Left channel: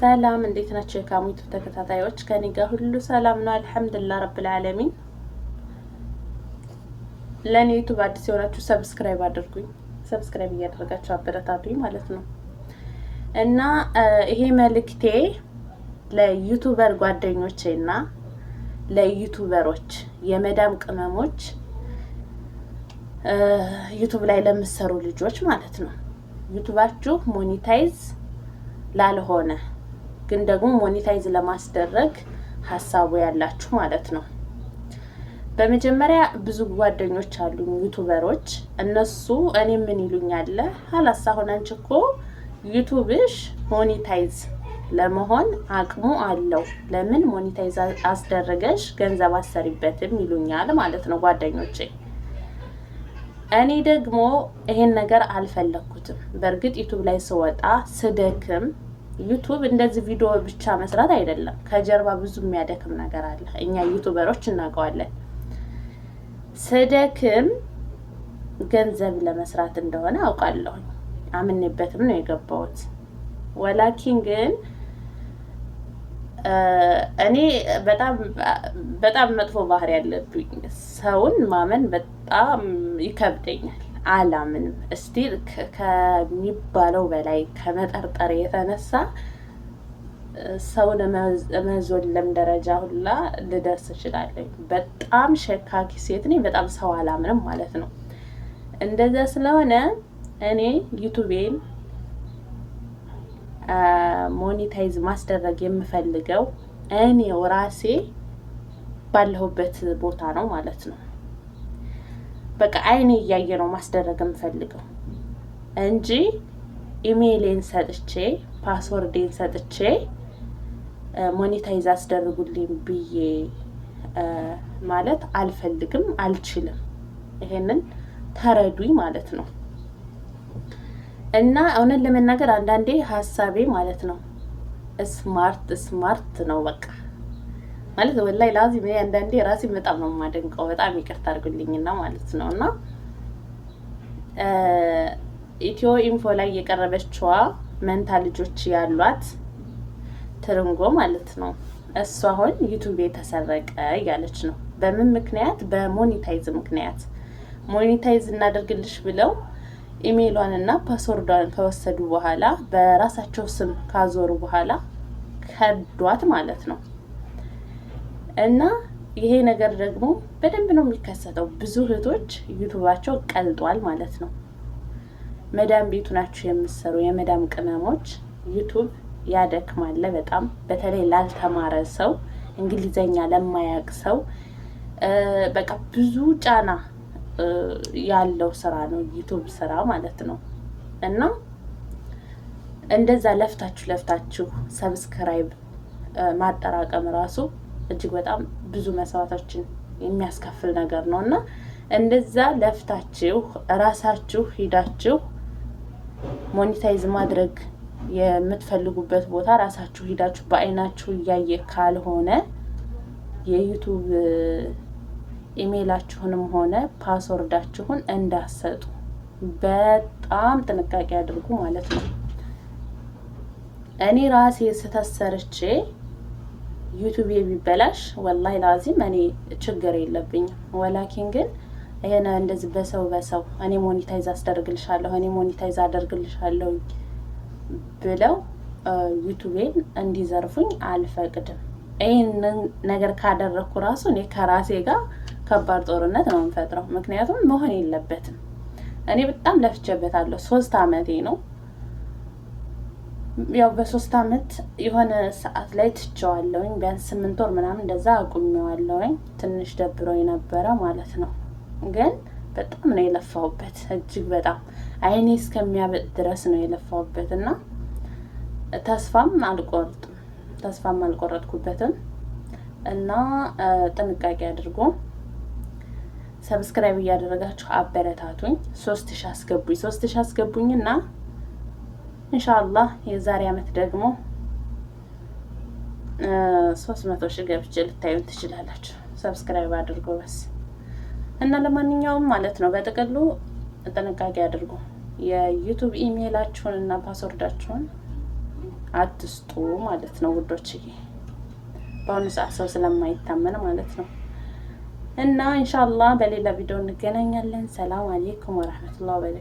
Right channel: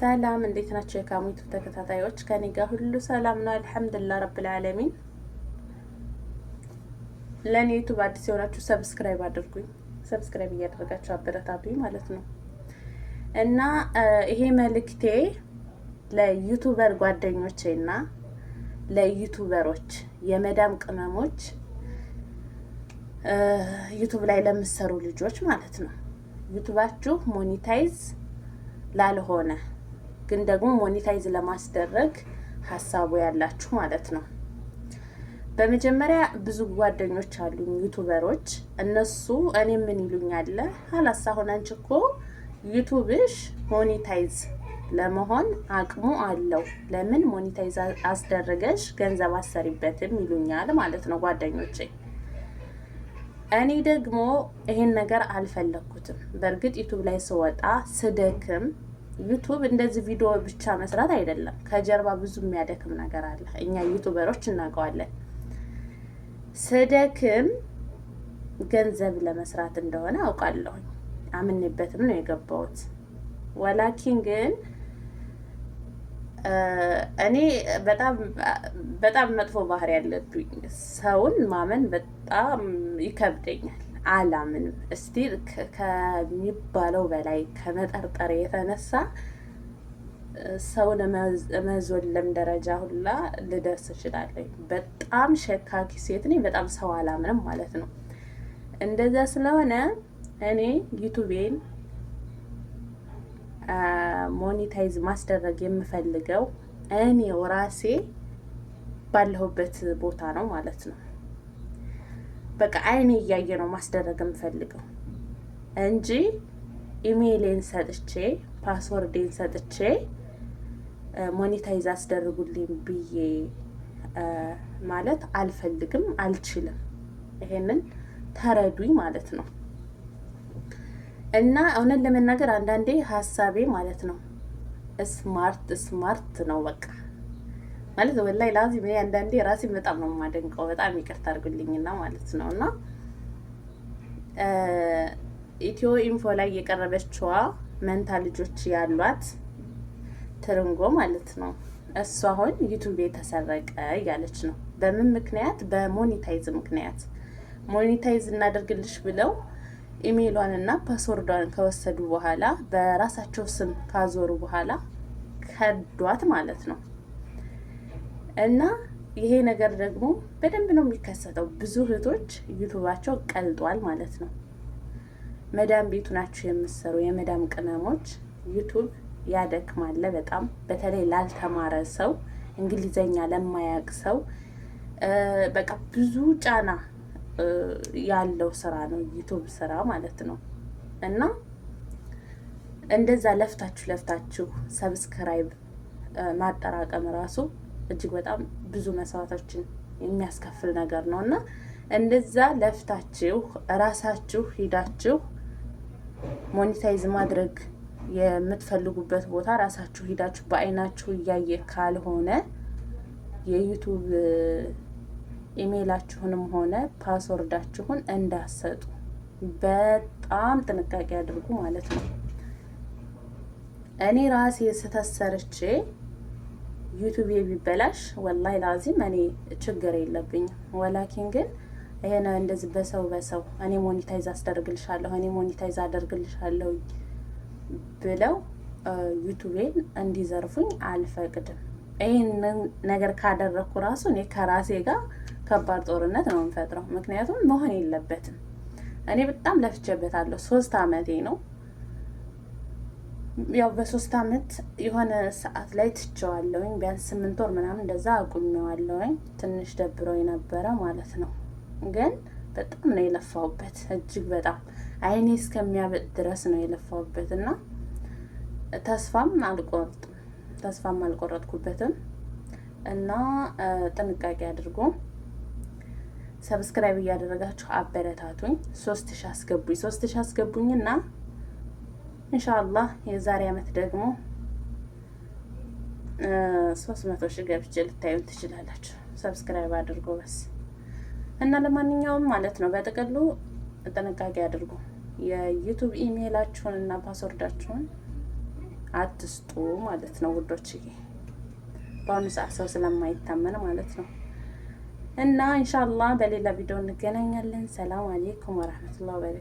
ሰላም እንዴት ናችሁ? የካሙት ተከታታዮች ከኔ ጋር ሁሉ ሰላም ነው፣ አልሐምዱሊላህ ረብል ዓለሚን። ለኔ ዩቲዩብ አዲስ የሆናችሁ ሰብስክራይብ አድርጉኝ፣ ሰብስክራይብ እያደረጋችሁ አበረታቱኝ ማለት ነው። እና ይሄ መልእክቴ ለዩቲዩበር ጓደኞቼና ለዩቲዩበሮች የመዳም ቅመሞች ዩቲዩብ ላይ ለምትሰሩ ልጆች ማለት ነው። ዩቲዩባችሁ ሞኔታይዝ ላልሆነ ግን ደግሞ ሞኔታይዝ ለማስደረግ ሀሳቡ ያላችሁ ማለት ነው። በመጀመሪያ ብዙ ጓደኞች አሉኝ ዩቲዩበሮች። እነሱ እኔ ምን ይሉኛል፣ ሀላስ አሁን አንቺ እኮ ዩቲዩብሽ ሞኔታይዝ ለመሆን አቅሙ አለው፣ ለምን ሞኔታይዝ አስደረገሽ ገንዘብ አሰሪበትም ይሉኛል ማለት ነው ጓደኞቼ። እኔ ደግሞ ይሄን ነገር አልፈለኩትም። በእርግጥ ዩቲዩብ ላይ ስወጣ ስደክም፣ ዩቲዩብ እንደዚህ ቪዲዮ ብቻ መስራት አይደለም፣ ከጀርባ ብዙ የሚያደክም ነገር አለ። እኛ ዩቲዩበሮች እናውቀዋለን። ስደክም ገንዘብ ለመስራት እንደሆነ አውቃለሁ፣ አምኜበትም ነው የገባሁት። ወላኪን ግን እኔ በጣም መጥፎ ባህሪ ያለብኝ፣ ሰውን ማመን በጣም ይከብደኛል፣ አላምንም። እስቲ ከሚባለው በላይ ከመጠርጠር የተነሳ ሰውን መዞለም ደረጃ ሁላ ልደርስ እችላለሁ። በጣም ሸካኪ ሴት ነኝ፣ በጣም ሰው አላምንም ማለት ነው። እንደዛ ስለሆነ እኔ ዩቲዩቤን ሞኔታይዝ ማስደረግ የምፈልገው እኔው ራሴ ባለሁበት ቦታ ነው ማለት ነው። በቃ አይኔ እያየ ነው ማስደረግ የምፈልገው እንጂ ኢሜይሌን ሰጥቼ ፓስወርዴን ሰጥቼ ሞኔታይዝ አስደርጉልኝ ብዬ ማለት አልፈልግም፣ አልችልም። ይሄንን ተረዱኝ ማለት ነው። እና እውነት ለመናገር አንዳንዴ ሀሳቤ ማለት ነው ስማርት ነው በቃ ማለት ወላሂ ላዚም አንዳንዴ ራሴ በጣም ነው የማደንቀው። በጣም ይቅርታ አድርጉልኝና ማለት ነው። እና ኢትዮ ኢንፎ ላይ የቀረበችዋ መንታ ልጆች ያሏት ትርንጎ ማለት ነው፣ እሷ አሁን ዩቲዩብ ተሰረቀ እያለች ነው። በምን ምክንያት? በሞኔታይዝ ምክንያት። ሞኔታይዝ እናደርግልሽ ብለው ኢሜይሏን እና ፓስወርዷን ከወሰዱ በኋላ በራሳቸው ስም ካዞሩ በኋላ ከዷት ማለት ነው። እና ይሄ ነገር ደግሞ በደንብ ነው የሚከሰተው። ብዙ እህቶች ዩቲዩባቸው ቀልጧል ማለት ነው። መዳም ቤቱ ናችሁ የምትሰሩ የመዳም ቅመሞች፣ ዩቲዩብ ያደክማል በጣም። በተለይ ላልተማረ ሰው፣ እንግሊዘኛ ለማያውቅ ሰው በቃ ብዙ ጫና ያለው ስራ ነው ዩቲዩብ ስራ ማለት ነው። እና እንደዛ ለፍታችሁ ሰብስክራይብ ማጠራቀም ራሱ እጅግ በጣም ብዙ መስዋዕቶችን የሚያስከፍል ነገር ነው። እና እንደዛ ለፍታችሁ ራሳችሁ ሂዳችሁ ሞኔታይዝ ማድረግ የምትፈልጉበት ቦታ ራሳችሁ ሂዳችሁ በአይናችሁ እያየ ካልሆነ የዩቲዩብ ኢሜይላችሁንም ሆነ ፓስወርዳችሁን እንዳሰጡ በጣም ጥንቃቄ አድርጉ ማለት ነው። እኔ ራሴ ስተሰርቼ ዩቲዩብ ቢበላሽ ወላሂ ላዚም እኔ ችግር የለብኝም። ወላኪን ግን ይሄን እንደዚህ በሰው እኔ ሞኔታይዝ አስደርግልሻለሁ እኔ ሞኔታይዝ አደርግልሻለሁ ብለው ዩቲዩቤን እንዲዘርፉኝ አልፈቅድም። ይሄን ነገር ካደረኩ ራሱ እኔ ከራሴ ጋር ከባድ ጦርነት ነው የምፈጥረው። ምክንያቱም መሆን የለበትም። እኔ በጣም ለፍቼበታለሁ። 3 አመቴ ነው። ያው በ3 አመት የሆነ ሰዓት ላይ ትቼዋለሁኝ። ቢያንስ 8 ወር ምናምን እንደዛ አቁሜዋለሁኝ። ትንሽ ደብሮኝ ነበረ ማለት ነው። ግን በጣም ነው የለፋውበት፣ እጅግ በጣም አይኔ እስከሚያበጥ ድረስ ነው የለፋውበት። እና ተስፋም አልቆረጥኩበትም። እና ጥንቃቄ አድርጉ። ሰብስክራይብ እያደረጋችሁ አበረታቱኝ። 3000 አስገቡኝና ኢንሻአላህ የዛሬ አመት ደግሞ 300,000 ገብቼ ልታዩን ትችላላችሁ። ሰብስክራይብ አድርጉ በስ። እና ለማንኛውም ማለት ነው በጥቅሉ ጥንቃቄ አድርጉ። የዩቲዩብ ኢሜይላችሁን እና ፓስወርዳችሁን አትስጡ ማለት ነው ውዶችዬ። በአሁኑ ሰዓት ሰው ስለማይታመን ማለት ነው። እና ኢንሻአላህ በሌላ ቪዲዮ እንገናኛለን። ሰላም አለይኩም ወራህመቱላሂ ወበረካቱ።